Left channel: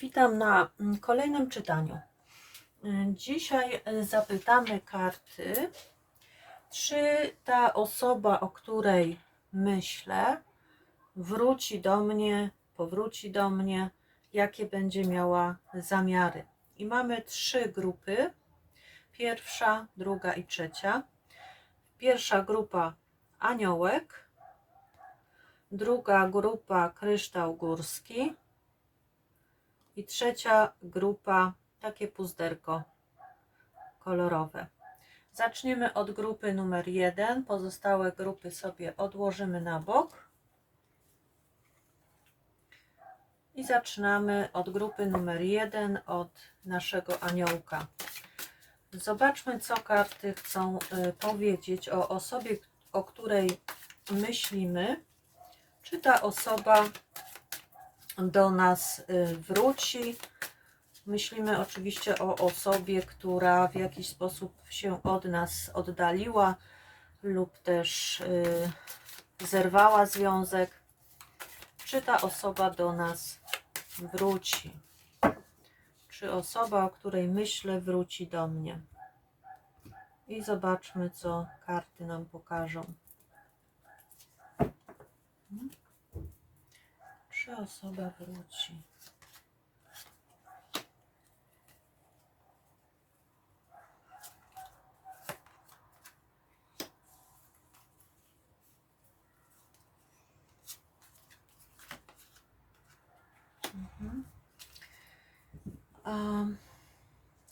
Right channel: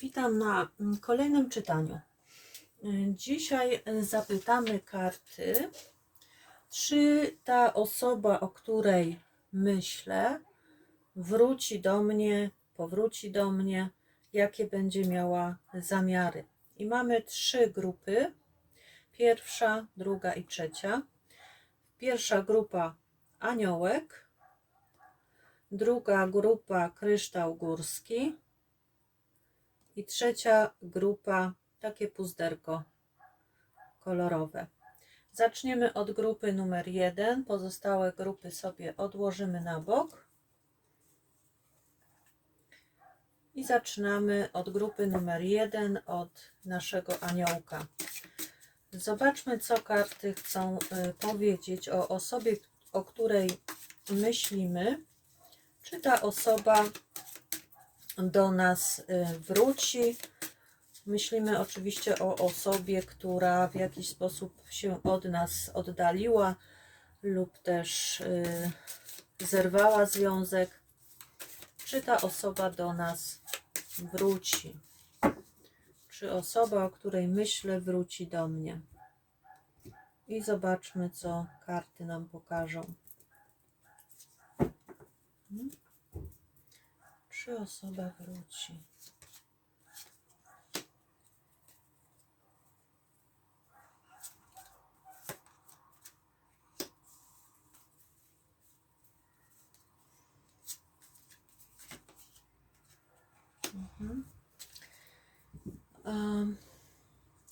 Witam na kolejnym czytaniu. Dzisiaj zapytamy karty, czy ta osoba, o której myślę, wróci do mnie, powróci do mnie, jakie będzie miała zamiary. I mamy 3 grupy. Pierwsza, druga i trzecia. Pierwsza grupa aniołek, druga grupa kryształ górski i trzecia grupa takie puzderko kolorowe. Zaczniemy od grupy numer 1. Pozostałe grupy sobie odłożymy na bok. I zaczynamy od grupy numer 1, od naszego aniołka. Zobaczmy, co karty chcą powiedzieć o osobie, o której myślimy. Czy ta osoba do nas wróci? Myślimy oczywiście o osobie, która w jakiś sposób się od nas oddaliła lub też zerwała związek. Czy ta osoba do nas wróci? Czy osoba, o której myślę, wróci do mnie? I zobaczmy, co karty nam pokażą. Czy osoba wróci?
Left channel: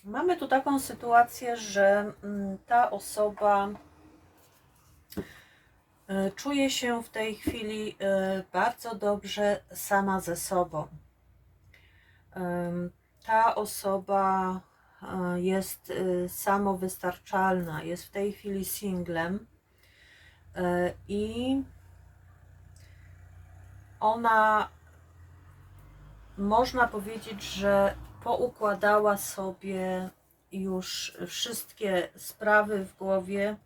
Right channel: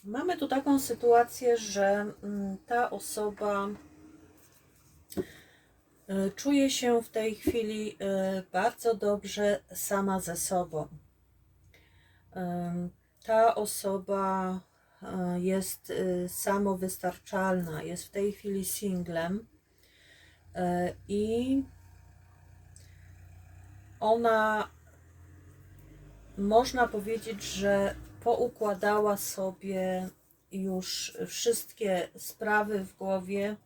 Mamy tu taką sytuację, że ta osoba czuje się w tej chwili bardzo dobrze sama ze sobą. Ta osoba jest samowystarczalna, jest w tej chwili singlem i ona, można powiedzieć, że poukładała sobie już wszystkie sprawy w głowie,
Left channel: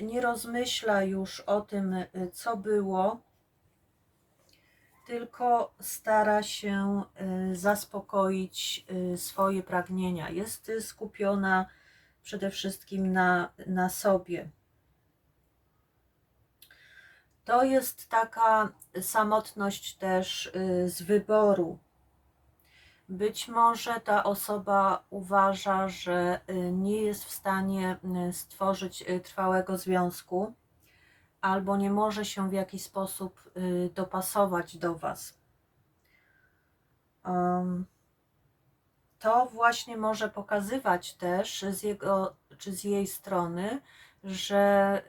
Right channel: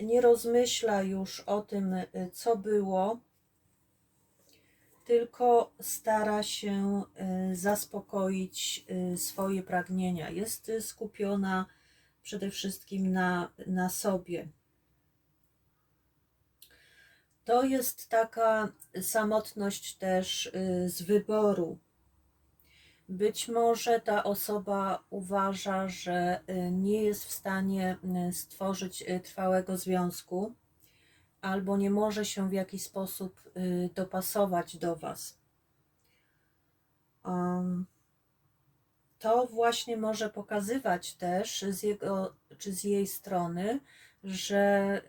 nie rozmyśla już o tym, co było, tylko stara się zaspokoić swoje pragnienia. Jest skupiona przede wszystkim na sobie. To jest taka samotność też z wyboru. Być może ta osoba uważa, że nie jest w stanie stworzyć trwałego związku, albo nie może się w jakiś sposób dopasować do Was. To właśnie może pokazywać też z jego czy z jej strony, że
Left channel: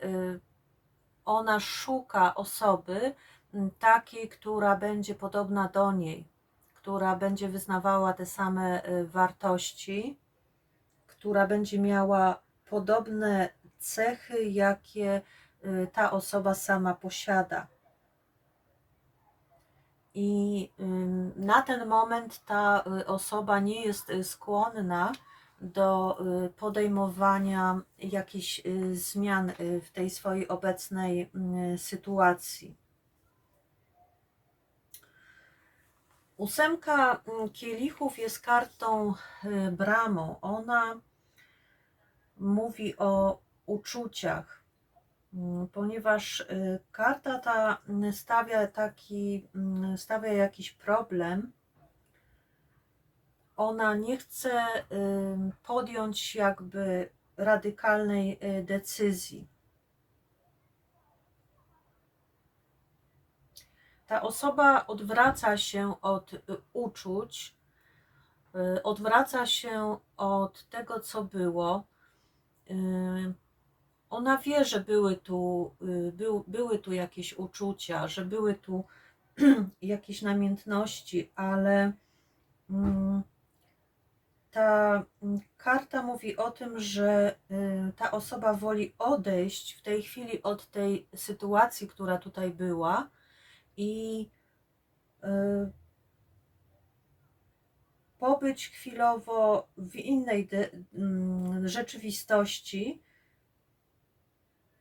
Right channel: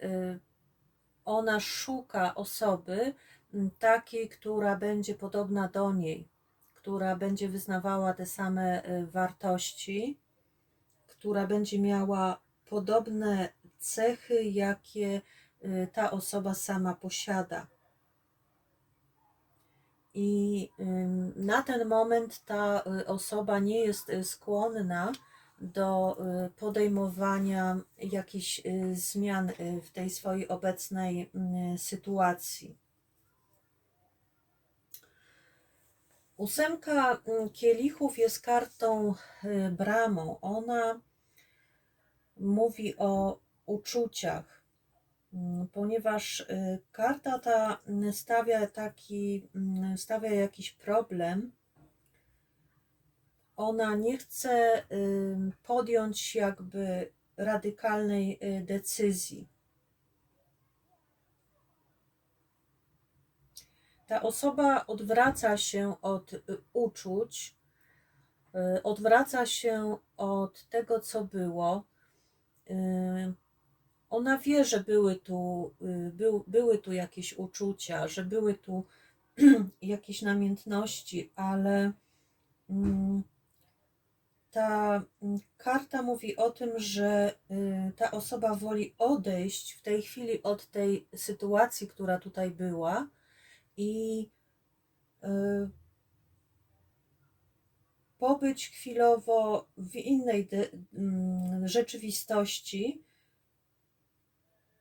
ona szuka osoby takiej, która będzie podobna do niej, która będzie wyznawała te same wartości, która będzie miała podobne cechy, jakie ta osoba sama posiada. I na ten moment ta osoba nie jest skłonna do podejmowania jakichś zmian w tej swojej obecnej sytuacji. Ósemka kielichów jest kartą bramą. Ona mówi o uczuciach, ponieważ karta ta stawia jakiś problem. Ona nie chce podjąć jakby radykalnej decyzji. Ta osoba odwraca się od uczuć, odwraca się od tego, co było. Ona wie, że były tu jakieś uczucia, że były tu jakieś namiętności, ale ta karta mówi o tym, że ta osoba woli odejść w tej chwili od tej sytuacji, która tutaj była, i pobyć chwilowo w innej rzeczywistości,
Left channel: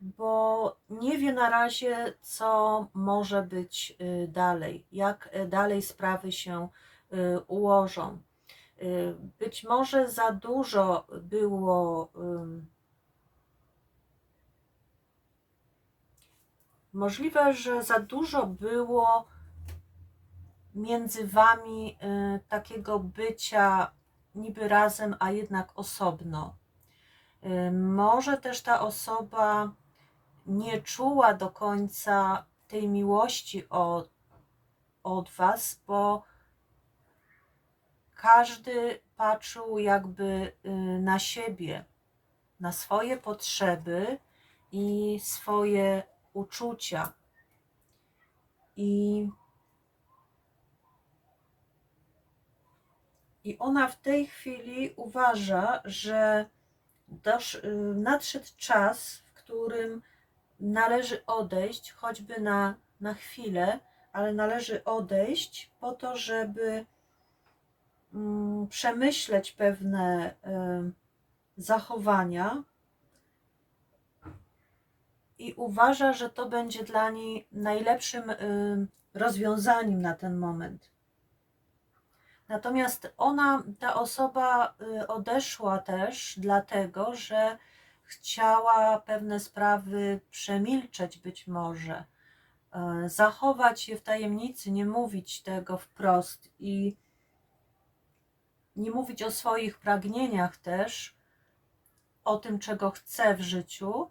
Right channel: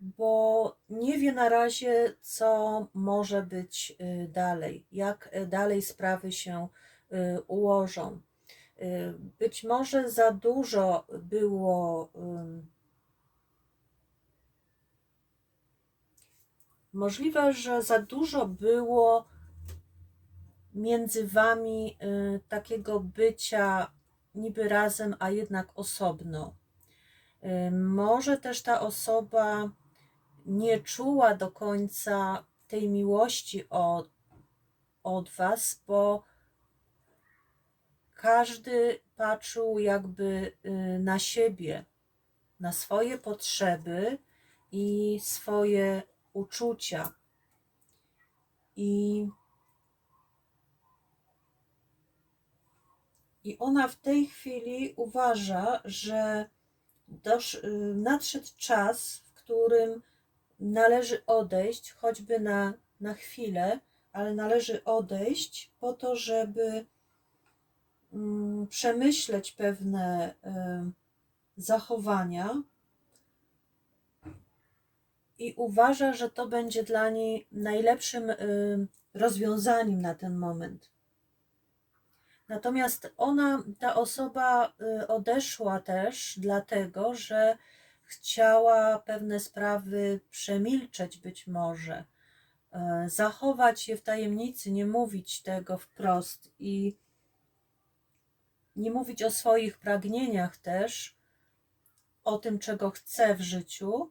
bo nie wie na razie, co może być dalej, jak dalej sprawy się ułożą. Być może za dużo było, możliwe, że za dużo było między wami takiego bycia niby razem, a jednak osobno. Może też ta osoba nie czuła do końca tej miłości od was, bo każdy patrzył jakby na siebie, na swoje potrzeby i swoje uczucia. I ona w tej chwili uważa, że nadszedł czas, w którym należy odejść, choćby na chwilę, ale należy odejść po to, żeby przemyśleć pewne zachowania, i uważa, że to będzie dla niej najlepszym rozwiązaniem na ten moment. Natomiast ta osoba odeszła też dlatego, że chciała pewne sprawy przemilczeć być może, zachować je w tajemnicy, nie mówić tego wprost i nie mówić o swoich pragnieniach też, o tym, czego chce w życiu.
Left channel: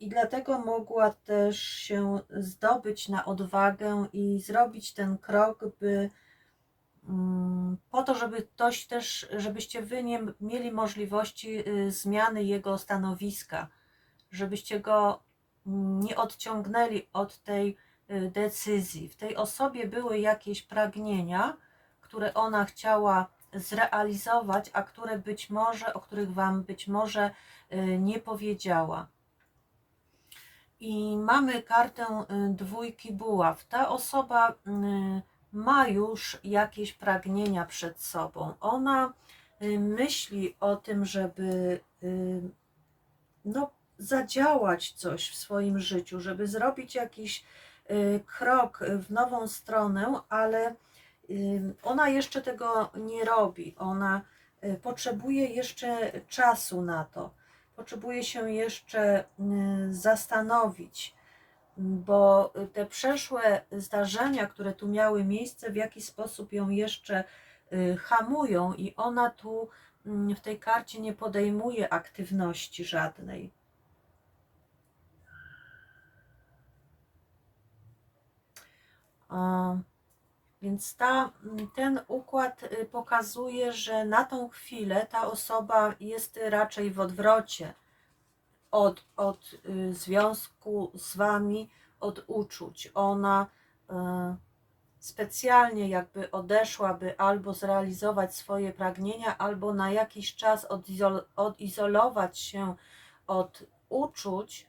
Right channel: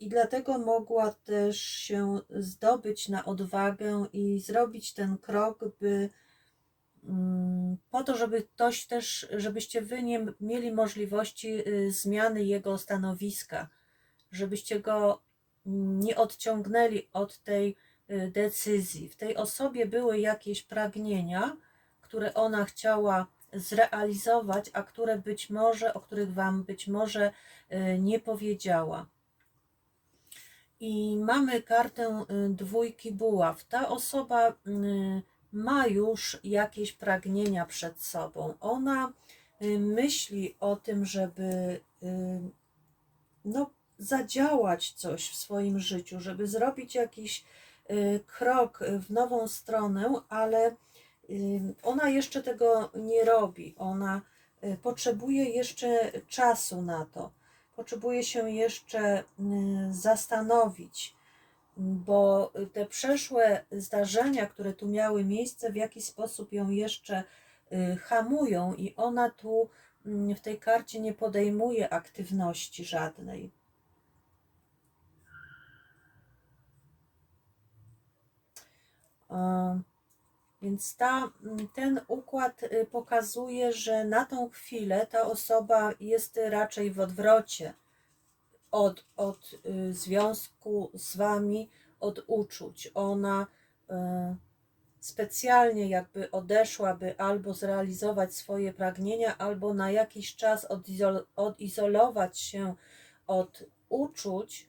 I dlatego mogła też się zdobyć na odwagę i zrobić ten krok, po to, żeby ktoś też, żebyście wy nie mieli możliwości zmiany jego stanowiska, żebyście go nie odciągnęli od tej decyzji. W tej osobie były jakieś pragnienia, które ona chciała zrealizować, a które być może, o których wam być może nie powiedziała. I mamy kartę dwójki buław. Ta osoba ma już jakieś pragnienia przed sobą. Ona myśli o tym, żeby zadziałać coś w swoim życiu, żeby zrobić jakiś krok w nową stronę, ale ona jeszcze tego nie robi. Ona potrzebuje jeszcze czasu na to. Potrzebuje się jeszcze zastanowić, bo te przeszłe zdarzenia, które tu miały miejsce, w jakiś sposób ją jeszcze hamują i ona tu w tej karcie nie podejmuje aktywności żadnej. Więc ten układ pokazuje, że na tą chwilę ta osoba jest raczej w odwrocie od związku z wami, od uczuć. Ona specjalnie jakby odeszła, by albo zrealizować swoje pragnienia, albo na jakiś czas odizolować się od uczuć,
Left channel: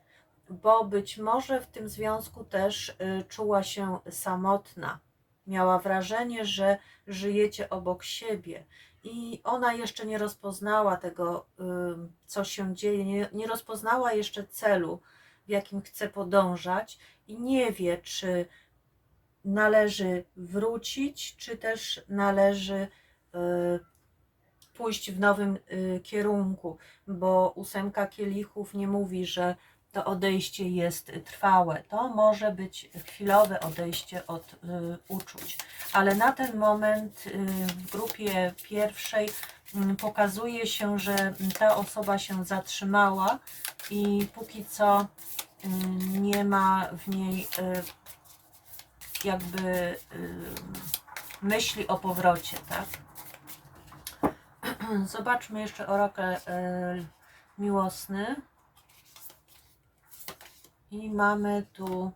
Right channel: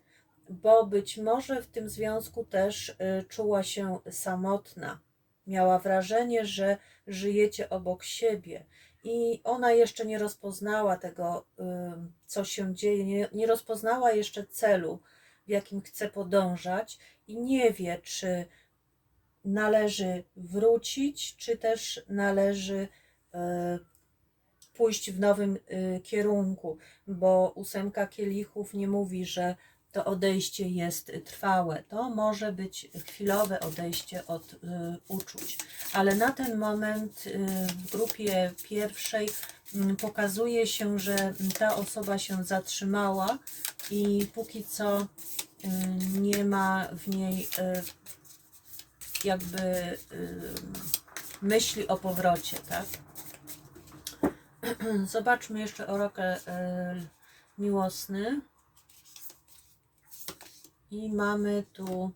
bo być może w tym związku też czuła się samotna. Miała wrażenie, że żyjecie obok siebie i ona jeszcze nie rozpoznała tego, co się dzieje, nie rozpoznała jeszcze celu, w jakim chce podążać i nie wie, czy należy wrócić, czy też należy pójść w nowym kierunku, bo 8 kielichów nie mówi, że to odejście jest trwałe. To może być chwilowe odejście od uczuć, ale na ten moment w grupie pierwszej pokazuje się, że ta osoba się zatrzymała i póki co nie ma w niej jakby myśli o powrocie, tak? Zobaczmy jeszcze orakel miłosny. I mamy tu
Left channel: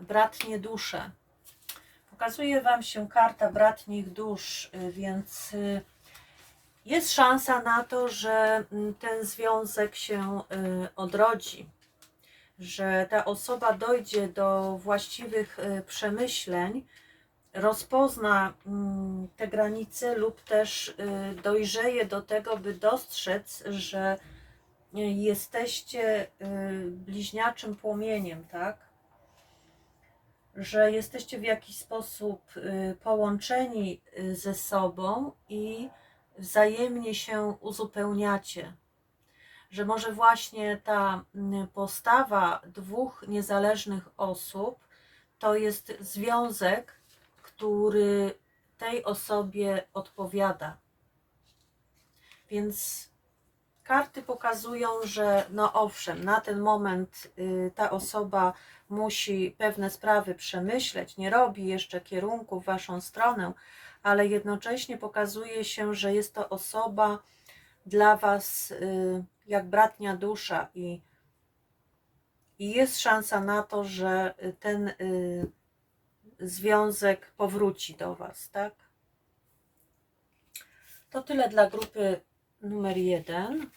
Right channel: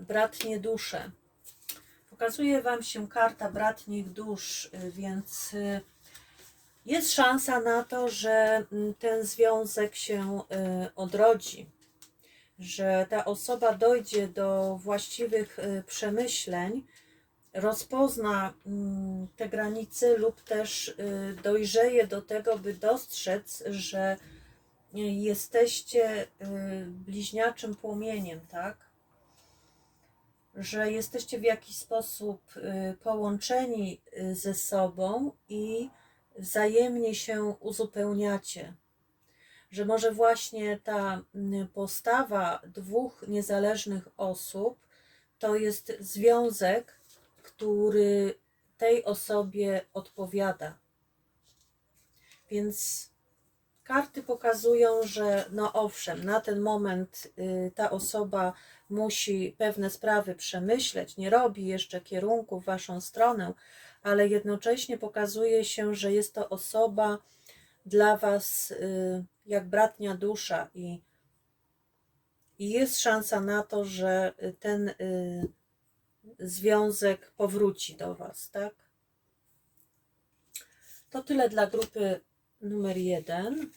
bratnie dusze. Pokazuje wam się karta bratnich dusz, więc jest szansa na to, że ten związek się odrodzi, że ta osoba dojdzie do właściwych przemyśleń, rozpozna te granice lub też dojrzeje do tego, by dostrzec, że jesteście bliźniaczym płomieniem, tak? Że jesteście w jakiś sposób połączeni ze sobą i wzajemnie się uzupełniacie. Że może właśnie ta postawa dwóch niezależnych osób to jest związek, który tej osobie odpowiada. Więc karty pokazują, że no owszem, na ten moment ta osoba musi pewne sprawy przemyśleć, nie robi jeszcze kierunku w waszą stronę, ale jednocześnie pokazuje się, że jest to osoba dla was jak bratnia dusza i jest szansa na to, że ten związek powróci do was, tak? To tyle dla grupy numer 1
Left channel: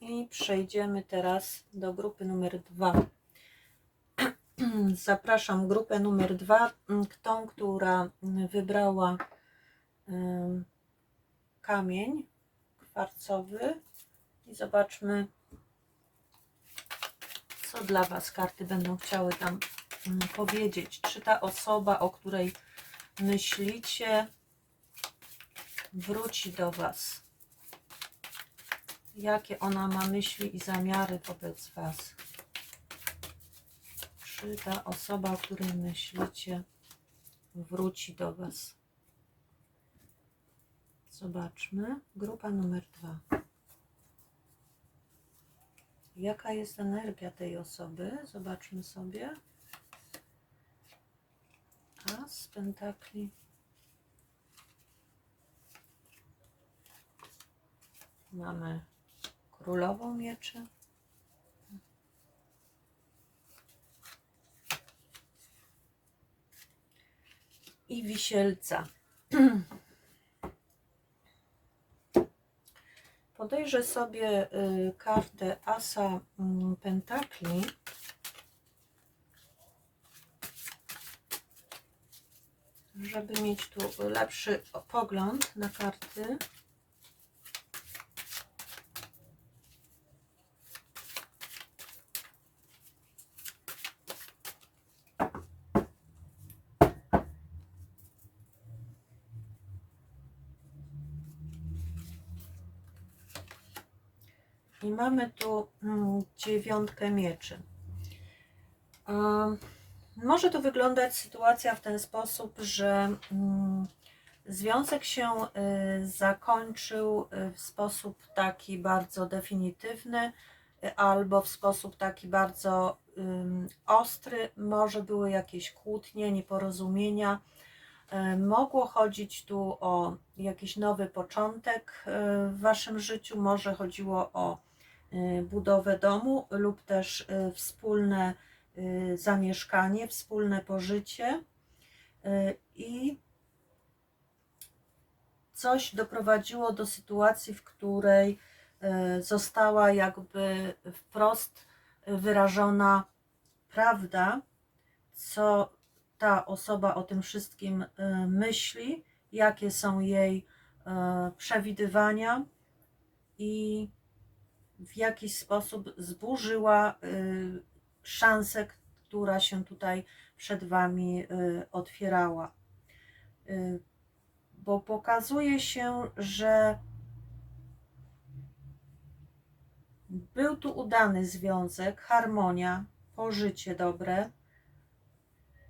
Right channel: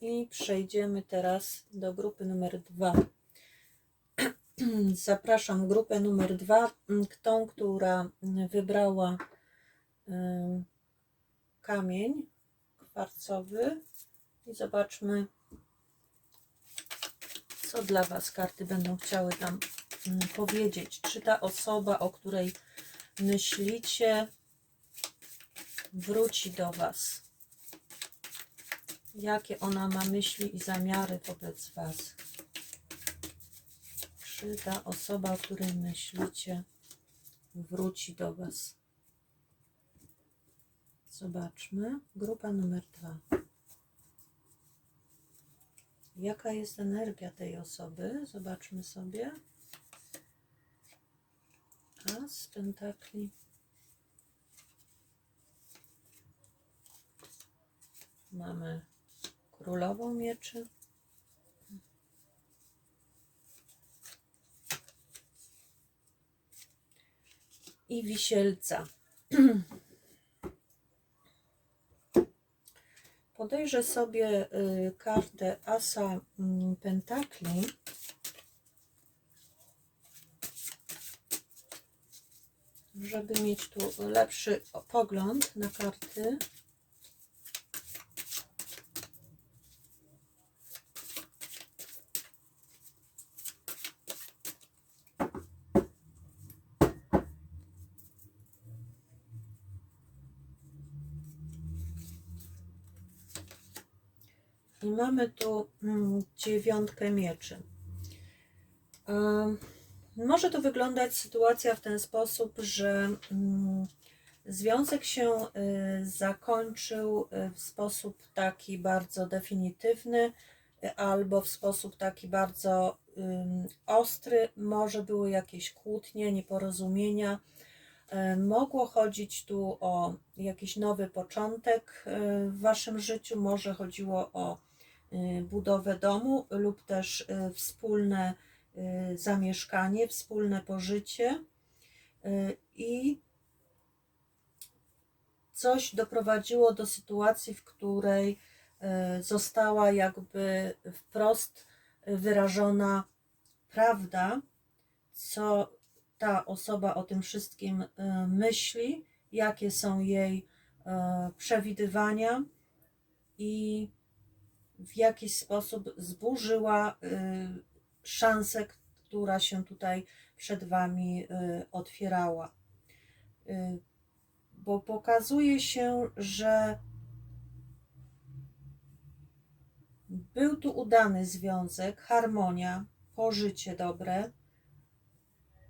i przejdziemy teraz do grupy numer 2. Zapraszam grupę numer 2, tą, która wybrała kamień kwarcowy i zobaczmy, co dla was karty będą chciały tam powiedzieć. Czy ta osoba, o której myślicie, wróci do was? Jakie ona ma myśli i zamiary wobec was? Czy ta osoba, o której myślicie, wróci do was? Zobaczmy. Grupa numer 2. Jaka jest energia tej osoby? Zobaczmy sobie. As pentakli. Mamy królową mieczy. I wisielca. Podejrzę sobie kartę Asa Pentakli. Żeby mieć tu lepszy pogląd na karty. I mamy tu 9 mieczy. Może to wyglądać sytuacja w ten sposób, że związek się zakończył w sposób taki bardzo definitywny albo w sposób taki bardzo ostry. Może były jakieś kłótnie, nieporozumienia. Mogło chodzić tu o jakiś nowy początek w waszym życiu. Może chodziło o budowę domu lub też wspólne zamieszkanie, wspólne pożycie i coś doprowadziło do sytuacji, w której została jakby wprost wyrażona prawda, co ta osoba o tym wszystkim myśli, jakie są jej przewidywania i w jakiś sposób zburzyła szansę, która się tutaj przed wami otwierała. Bo pokazuje się, że był tu udany związek, harmonia, pożycie dobre,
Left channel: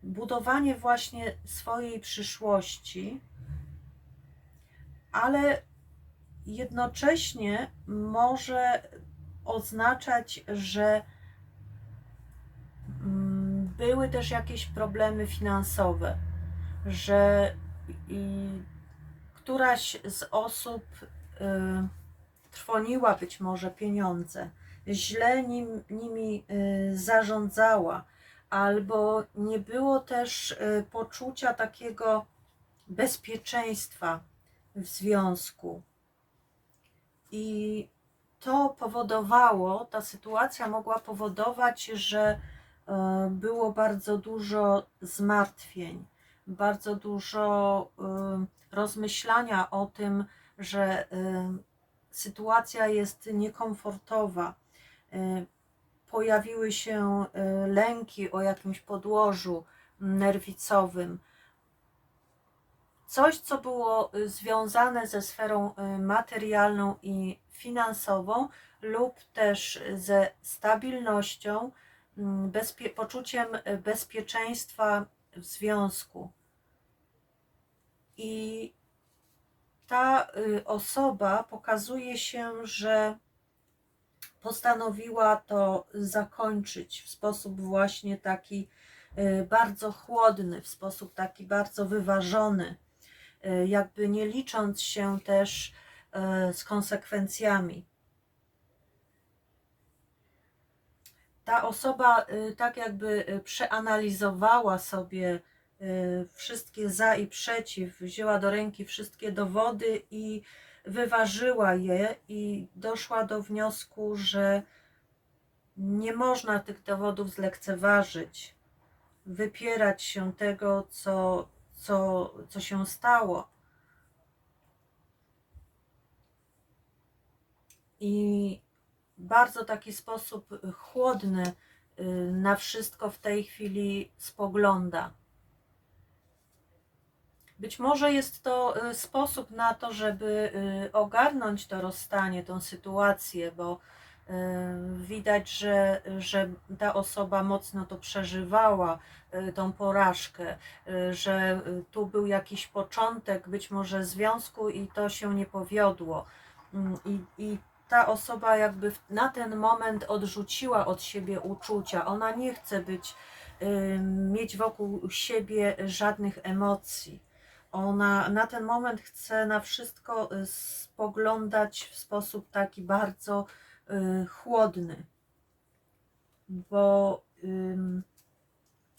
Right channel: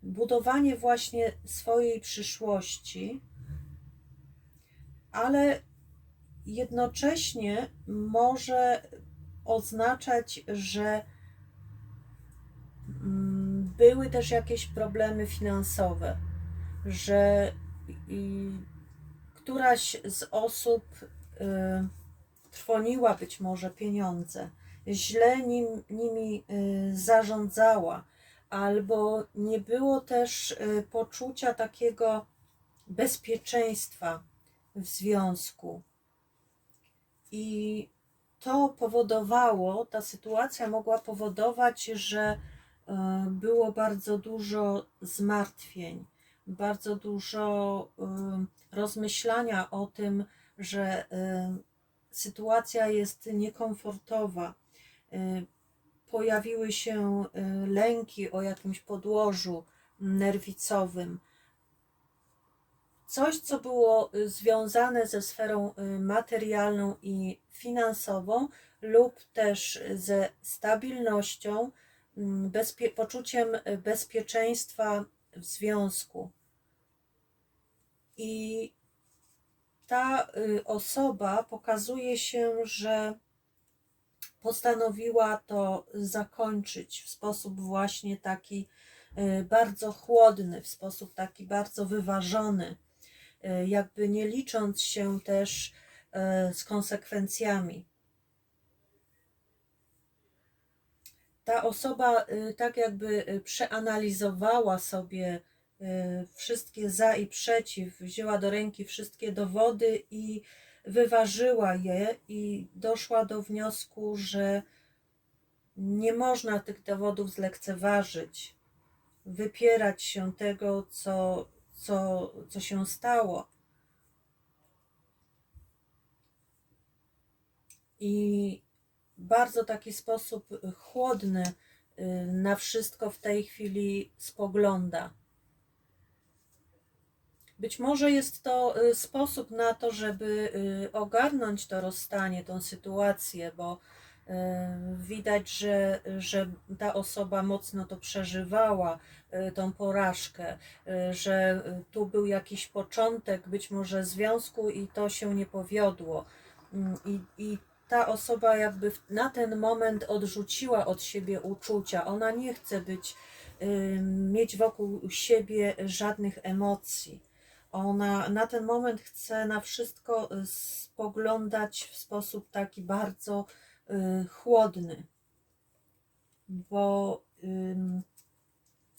budowanie właśnie swojej przyszłości, ale jednocześnie może oznaczać, że były też jakieś problemy finansowe, że któraś z osób trwoniła być może pieniądze, źle nimi zarządzała, albo nie było też poczucia takiego bezpieczeństwa w związku. I to powodowało, ta sytuacja mogła powodować, że było bardzo dużo zmartwień, bardzo dużo rozmyślania o tym, że sytuacja jest niekomfortowa, pojawiły się lęki o jakimś podłożu nerwicowym. Coś, co było związane ze sferą materialną i finansową lub też ze stabilnością, poczuciem bezpieczeństwa w związku. I ta osoba pokazuje się, że postanowiła to zakończyć w sposób właśnie taki bardzo chłodny, w sposób taki bardzo wyważony, jakby nie licząc się też z konsekwencjami. Ta osoba tak jakby przeanalizowała sobie wszystkie za i przeciw, wzięła do ręki wszystkie dowody i wyważyła je i doszła do wniosku, że nie można tych dowodów zlekceważyć, wypierać się tego, co się stało. I bardzo taki sposób chłodny na wszystko w tej chwili spogląda. Być może jest to sposób na to, żeby ogarnąć to rozstanie, tą sytuację, bo widać, że ta osoba mocno to przeżywała, tą porażkę, że tu był jakiś początek być może związku i to się nie powiodło. I ta osoba jakby na ten moment odrzuciła od siebie uczucia. Ona nie chce mieć wokół siebie żadnych emocji. Ona na ten moment chce na wszystko spoglądać w sposób taki bardzo chłodny,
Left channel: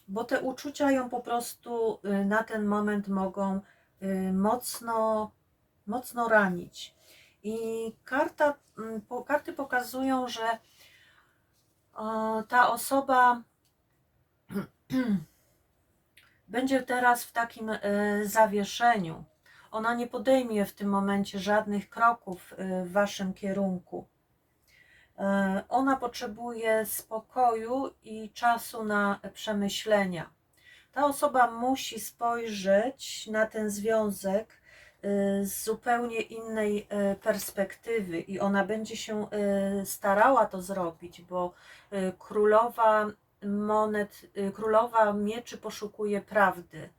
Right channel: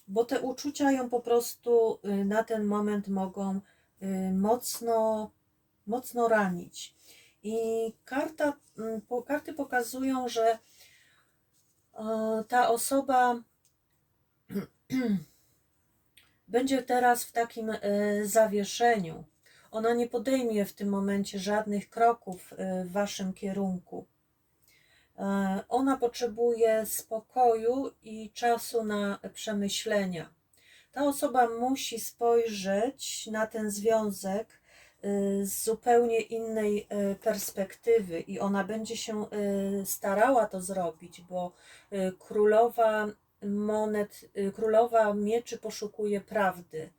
bo te uczucia ją po prostu na ten moment mogą mocno ranić. I karty pokazują, że ta osoba będzie teraz w takim zawieszeniu. Ona nie podejmie w tym momencie żadnych kroków w waszym kierunku. Ona potrzebuje spokoju i czasu na przemyślenia. Ta osoba musi spojrzeć na ten związek z zupełnie innej perspektywy i ona będzie się starała to zrobić, bo królowa mieczy poszukuje prawdy,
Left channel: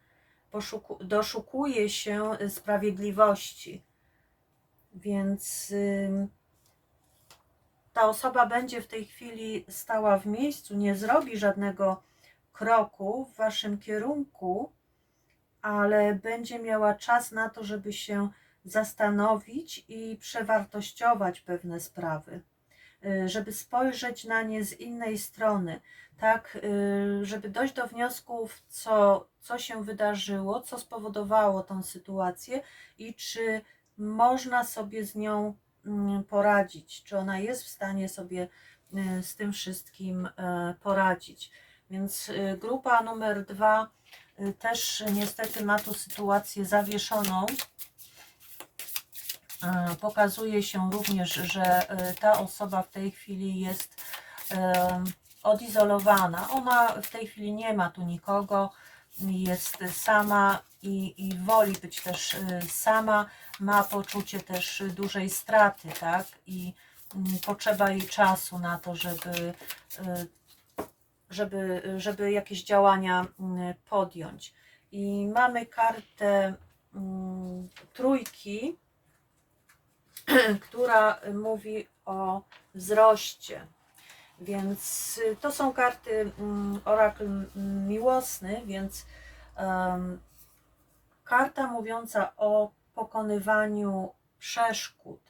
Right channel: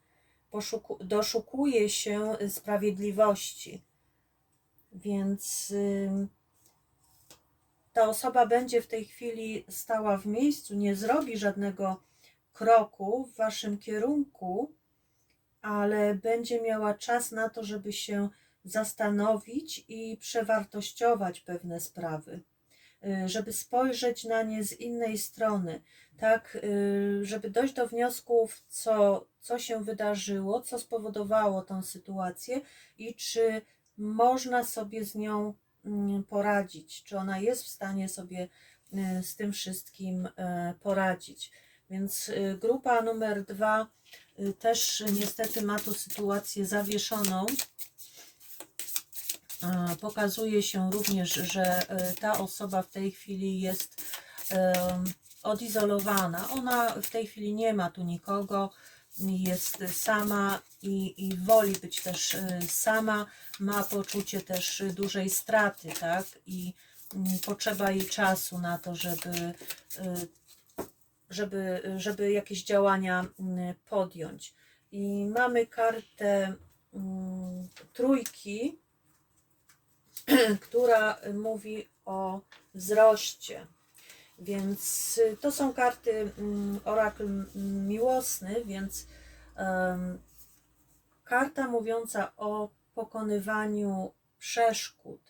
doszukuje się sprawiedliwości, więc ta osoba będzie w tej chwili stała w miejscu, nie zrobi żadnego kroku w waszym kierunku, ale będzie miała czas na to, żeby się zastanowić i przewartościować pewne sprawy, żeby spojrzeć na nie z innej strony, tak, żeby dojść do wniosków, co się wydarzyło, co spowodowało tą sytuację i czy można sobie z nią poradzić, czy ona jest w stanie sobie z tym wszystkim poradzić. Więc grupa numer 2 też niestety ma tu sytuację zawieszoną. Pokazuje się również, że ta osoba w tej chwili jest odizolowana. Ona w tej chwili nie ma tu nikogo, jest sama i woli być też sama, ma poczucie też dużej straty, tak? I potrzeba jej czasu na to, żeby jakieś działania podjąć. I mamy kartę trójki, która mówi o wzroście. Więc to są karty orakl miłosny, więc karta mówiąca o pokonywaniu przeszkód,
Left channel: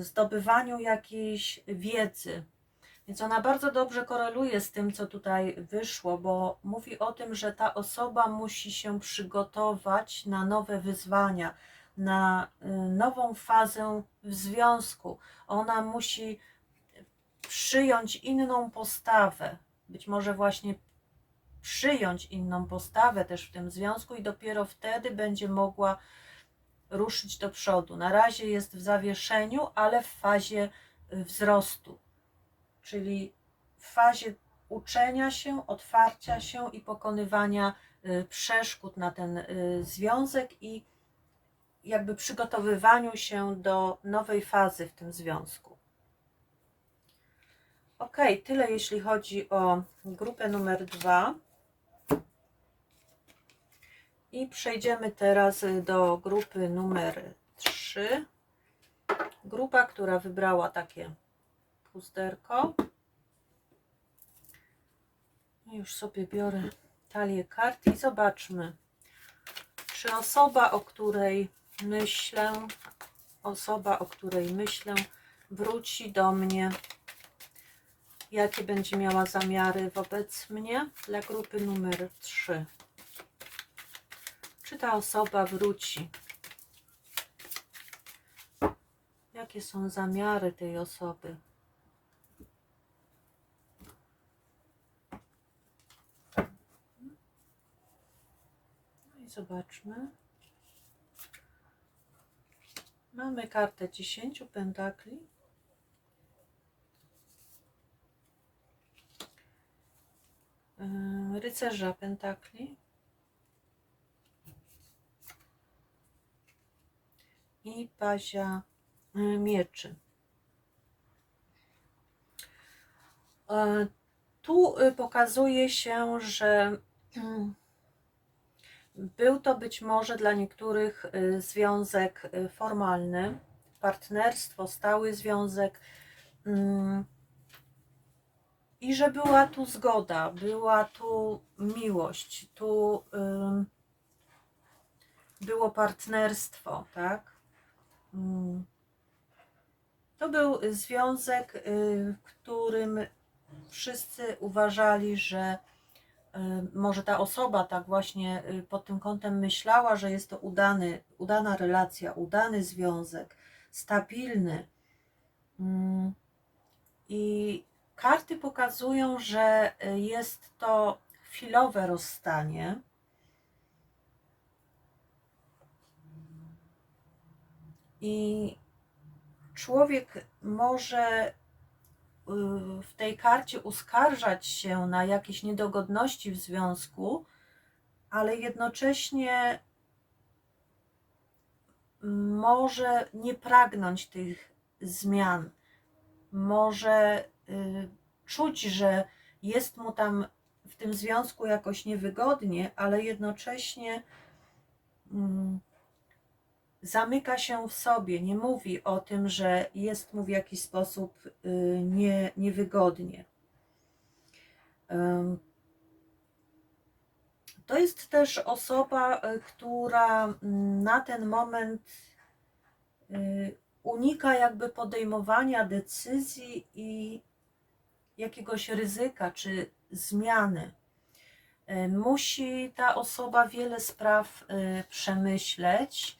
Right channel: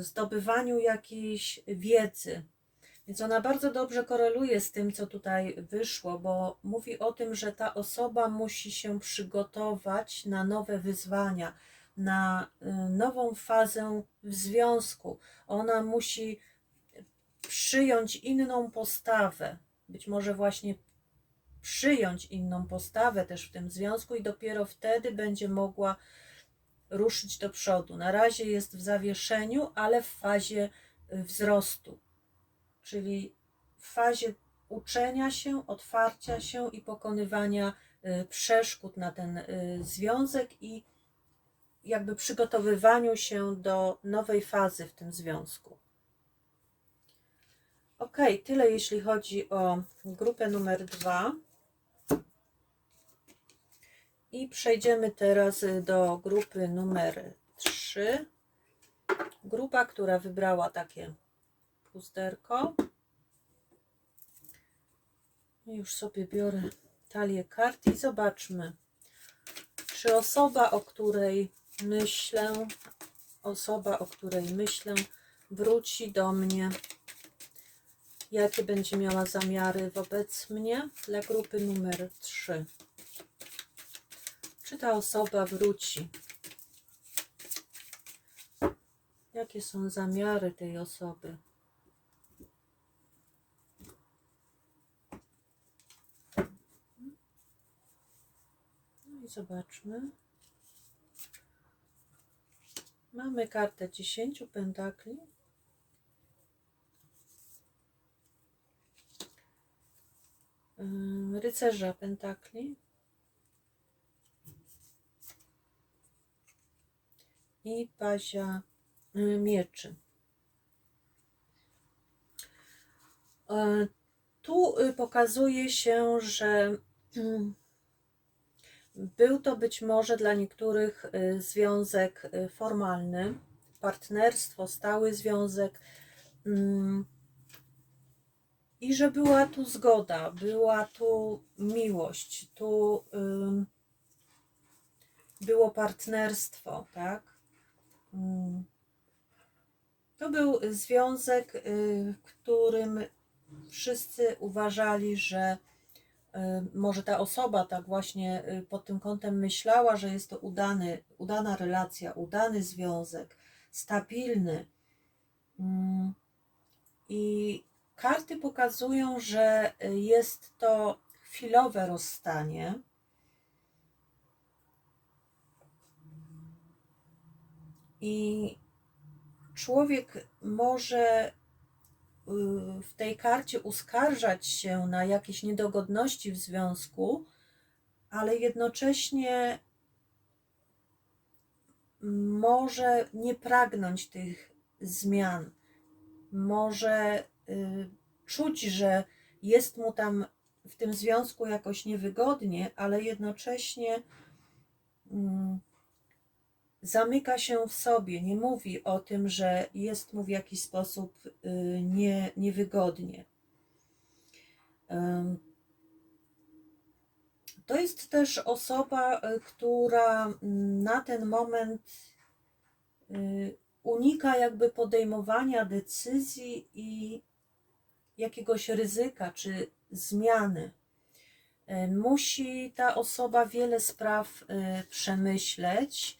zdobywaniu jakiejś wiedzy. Więc ona bardzo dobrze koreluje z tym, co tutaj wyszło, bo mówi o tym, że ta osoba musi się przygotować na nowe wyzwania, na nową fazę w związku. Ona musi przyjąć inną postawę, być może właśnie przyjąć inną postawę też w tym związku i dopiero wtedy będzie mogła ruszyć do przodu. Na razie jest w zawieszeniu, ale w fazie wzrostu. czyli w fazie uczenia się, otwarcia się i pokonywania przeszkód na ten związek i jakby przygotowywaniu się do nowej fazy w tym związku. Ok, tyle jeśli chodzi o grupę numer 2. I przejdziemy teraz do grupy numer 3. Grupa, która wybrała takie puzderko. Już sobie biorę talię kart i zobaczmy, czy osoba, o której myślę, wróci do mnie, jakie będzie miała zamiary wobec mnie dla grupy numer 3. Czy ta osoba wróci? Jakie są zamiary tej osoby? No i zobaczmy. Mamy kartę 10 pentakli. Rycerza pentakli. I pazia mieczy. Tu pokazuje się, że był to być może dla niektórych związek formalny, partnerstwo, stały związek i że była tu zgoda, była tu miłość, tu było partnerstwo, tak? To był związek, w którym wszyscy uważali, że może ta osoba tak właśnie pod tym kątem myślała, że jest to udana relacja, udany związek, stabilny. I karty pokazują, że jest to chwilowe rozstanie. I człowiek może w tej karcie uskarżać się na jakieś niedogodności w związku, ale jednocześnie może nie pragnąć tych zmian. Może czuć, że jest mu tam w tym związku jakoś niewygodnie, ale jednocześnie zamyka się w sobie, nie mówi o tym, że jest mu w jakiś sposób niewygodnie. To jest też osoba, która na ten moment unika jakby podejmowania decyzji i jakiegoś ryzyka czy zmiany. Musi ta osoba wiele spraw przemyśleć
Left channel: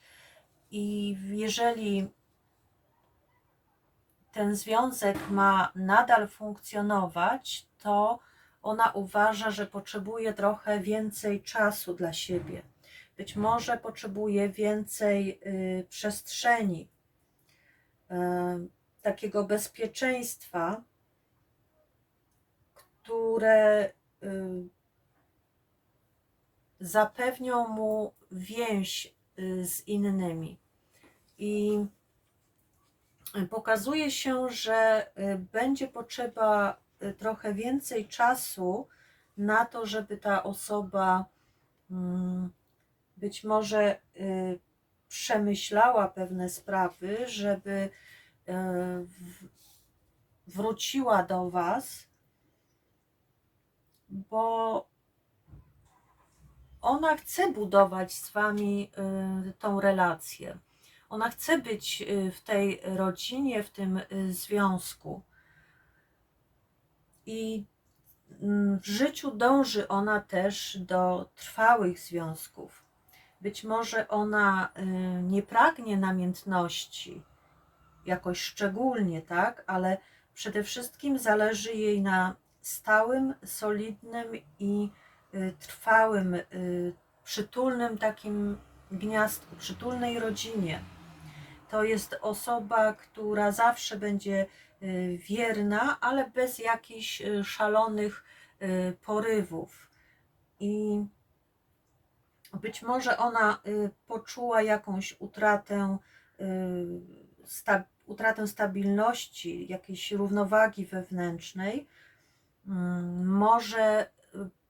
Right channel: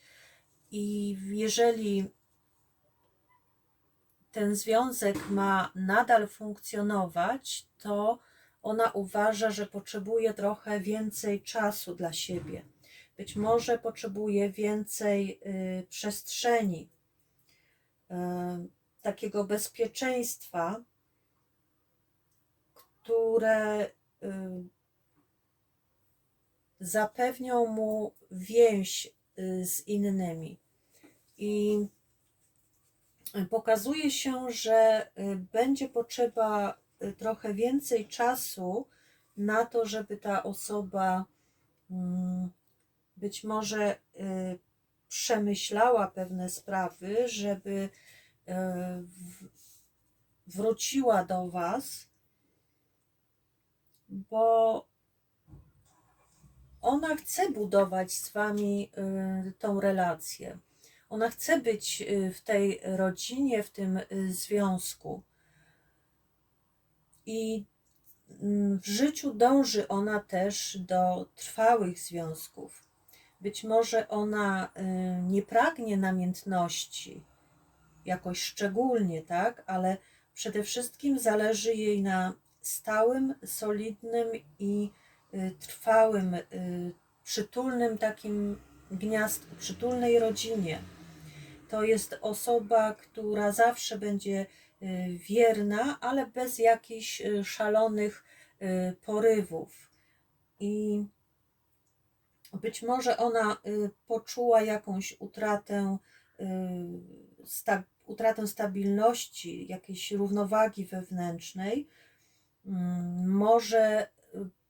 i jeżeli ten związek ma nadal funkcjonować, to ona uważa, że potrzebuje trochę więcej czasu dla siebie. Być może potrzebuje więcej przestrzeni, takiego bezpieczeństwa, które zapewnią mu więź z innymi. I pokazuje się, że będzie potrzeba trochę więcej czasu na to, żeby ta osoba być może przemyślała pewne sprawy, żeby wróciła do Was, bo ona chce budować z Wami tą relację. Ona chce być w tej rodzinie, w tym związku. I w życiu dąży ona też do trwałych związków. Być może ona nie pragnie namiętności jakoś szczególnie, tak? Ale przede wszystkim zależy jej na stałym, solidnym i trwałym, przytulnym takim gniazdku, przytulnej rodzinie. To jest osoba, która zawsze będzie wierna, ale bez jakichś szalonych porywów. I być może ona poczuła jakąś utratę stabilności, jakiejś równowagi wewnętrznej. Może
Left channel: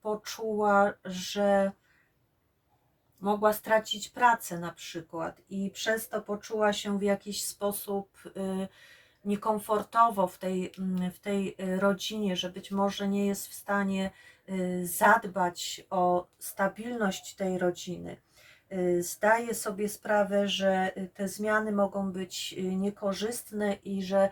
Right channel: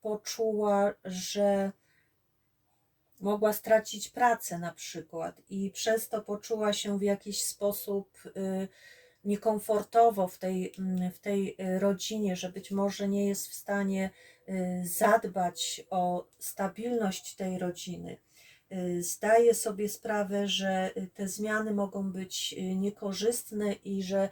poczuła, że mogła stracić pracę na przykład i przez to poczuła się w jakiś sposób niekomfortowo w tej rodzinie, że być może nie jest w stanie zadbać o stabilność tej rodziny. Zdaję sobie sprawę, że te zmiany mogą być niekorzystne i że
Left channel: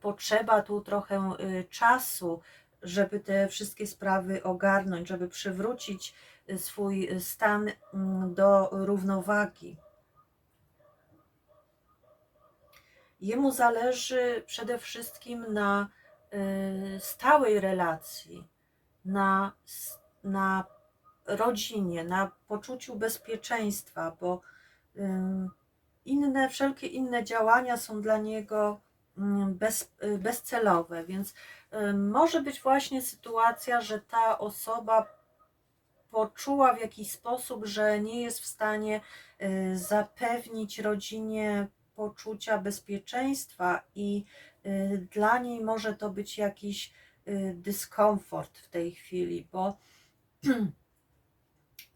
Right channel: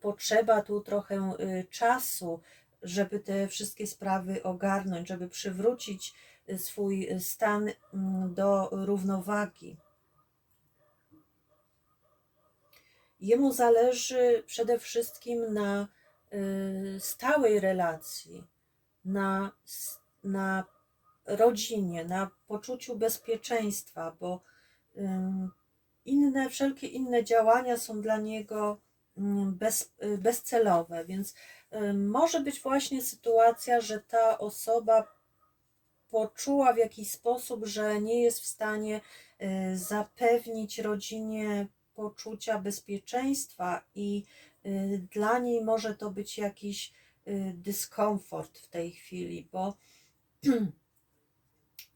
potrzeba tu trochę czasu, żeby te wszystkie sprawy ogarnąć, żeby przywrócić swój stan do równowagi. Jemu zależy przede wszystkim na stałej relacji, na rodzinie, na poczuciu bezpieczeństwa, bo wszelkie inne działania są dla niego bezcelowe, więc może być właśnie sytuacja, że ta osoba poczuła w jakiś sposób, że nie jest w stanie zapewnić rodzinie poczucia bezpieczeństwa i dla niej może to być jakiś dyskomfort w tej chwili, bo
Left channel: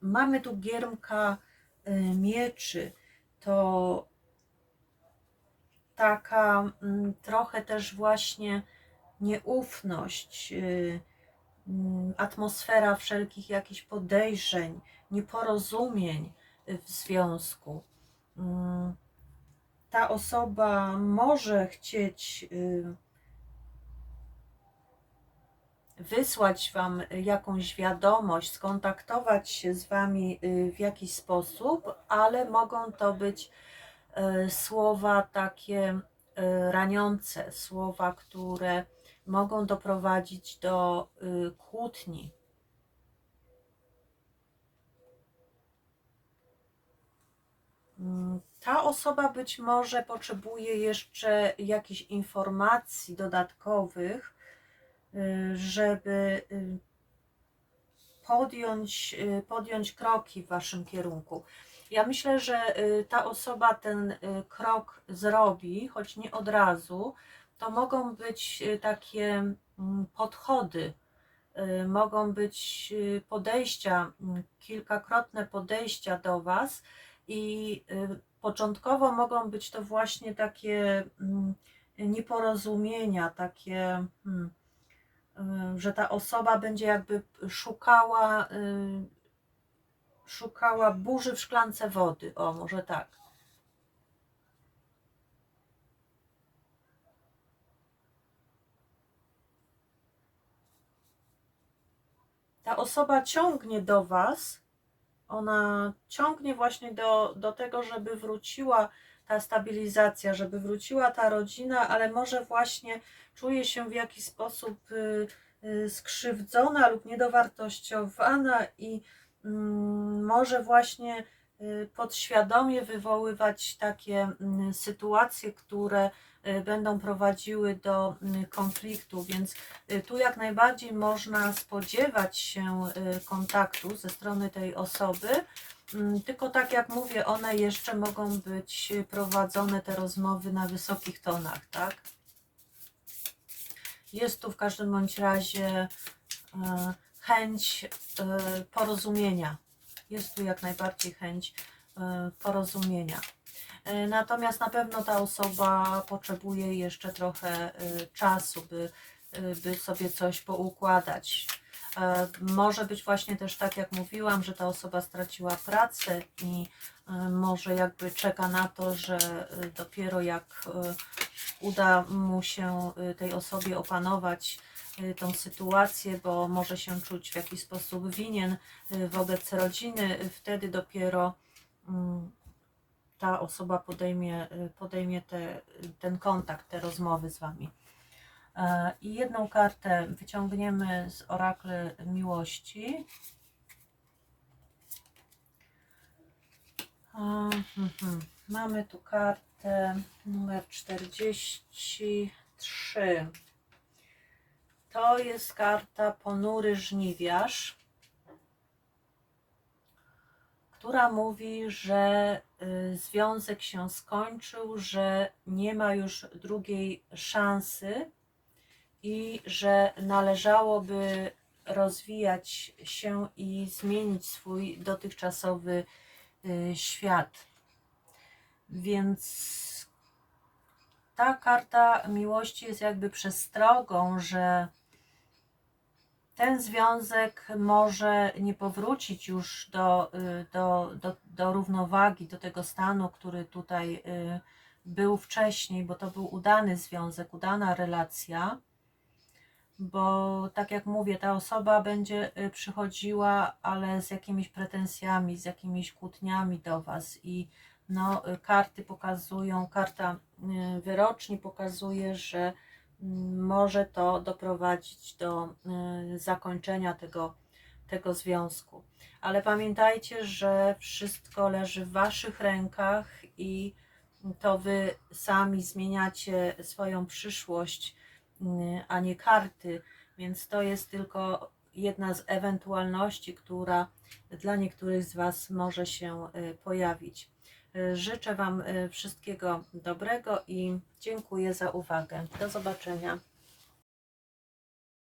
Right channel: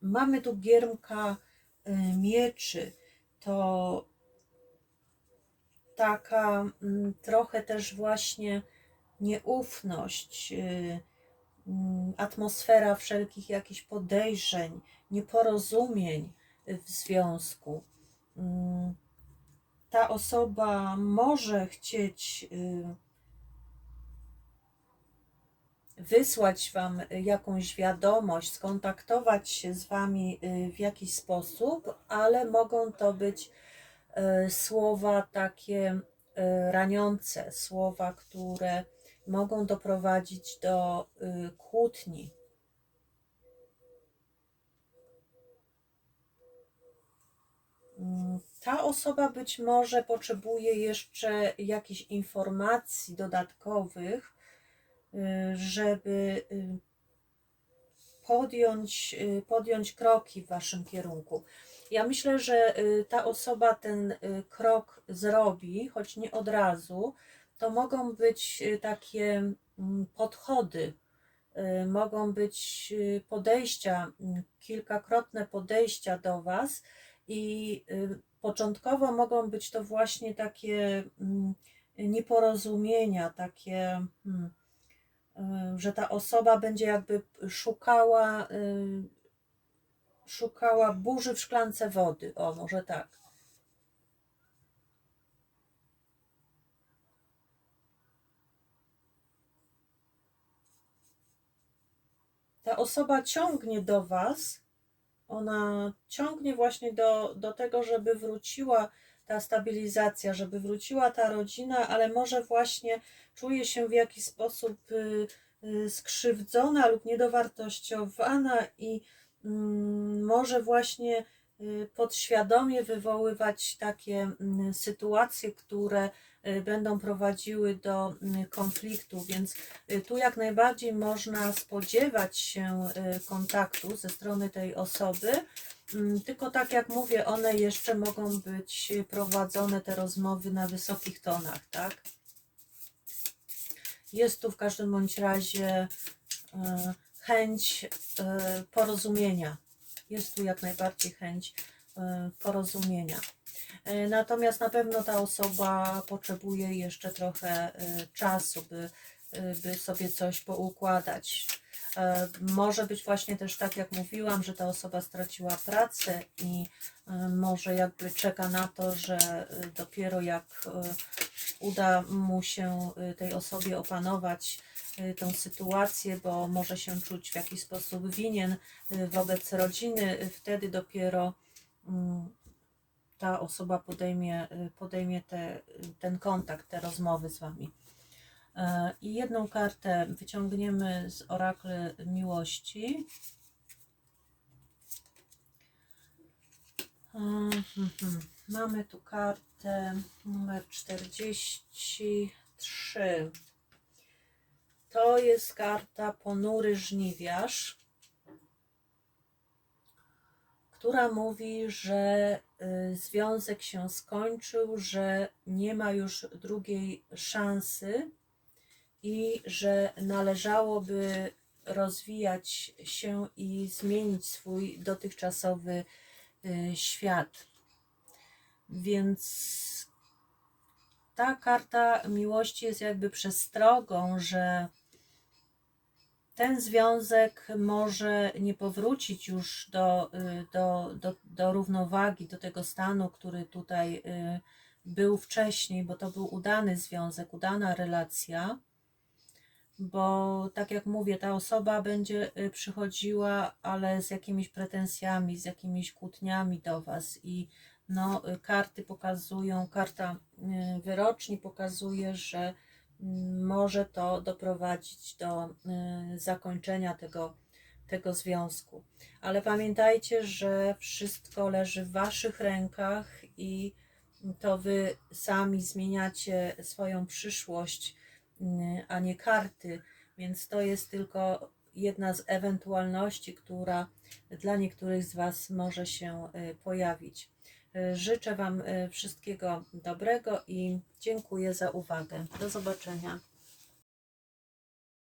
mamy tu giermka mieczy, to taka trochę też właśnie nieufność, atmosfera wszelkich jakichś podejrzeń, nieporozumień w związku. Ta osoba może chcieć wysłać Wam jakąś wiadomość, skontaktować się z Wami w jakiś sposób, ale mogą to być słowa takie raniące, słowa, które mogą doprowadzić do kłótni. Ta osoba być może potrzebuje jeszcze jakichś informacji dodatkowych, żeby podjąć kroki w Waszym kierunku. Ja myślę, że ta osoba ten krok zrobi, choć nie od razu. To mogą być takie podchody, mogą być podejścia, kilkakrotne podejścia do Was i początkowo mogą być to właśnie takie nieporozumienia, takie, że ta osoba będzie jakby szukała burzy w szklance wody, o może tak. Ta osoba ciągnie do Was, ona ciągnie właśnie do tego, żeby wróciła ta stabilizacja, żeby wróciła ta rodzina, ale może właśnie czuje się w jakiś sposób skrzywdzona lub niedowartościowana i może właśnie podświadomie wywoływać takie sytuacje, które będą prowadziły do konfliktu, więc tu jak najbardziej można spodziewać się kontaktu ze strony tej osoby, tylko tak jak mówię, one jeszcze mogą być prowadzone, te rozmowy, na wysokich tonach, tak? Jest tu w każdym bądź razie chęć porozumienia. Jest tu jak najbardziej chęć porozumienia. Natomiast na pewno ta osoba potrzebuje jeszcze trochę czasu, by sobie coś poukładać. Może być właśnie też tak, jak mówiłam, że ta osoba straciła pracę i może jakby czeka na to, że dopiero jak uda mu się tej osobie opanować tą sytuację, bo może się czuć w jakiś sposób winien wobec rodziny, wtedy dopiero ta osoba podejmie ten kontakt, te rozmowy z Wami. I jedną kartę wyciągniemy z orakle miłości. Mamy tu kartę numer 40, 3. To jest karta Ponury Żniwiarz, która mówi, że związek się skończył, że nie ma już drugiej szansy i że należałoby rozwijać się i zmienić swój dotychczasowy świat. Więc ta karta miłości jest jakby przestrogą, że ten związek może nie powrócić już do równowagi, do tego stanu, który tutaj był wcześniej, bo to był udany związek, udana relacja, bo tak jak mówię, ta osoba będzie przychodziła, ale z jakimiś pretensjami, z jakimiś kłótniami do Was i no, karty pokazują, karta wyroczni pokazuje, że może to doprowadzić do zakończenia tego związku. Ale pamiętajcie, że wszystko leży w Waszych rękach i to Wy sami zmieniacie swoją przyszłość, a nie karty, więc to jest tylko jedna z ewentualności, która dla niektórych z Was może się pojawić. Życzę Wam wszystkiego dobrego i dziękuję za uwagę. Do zobaczenia.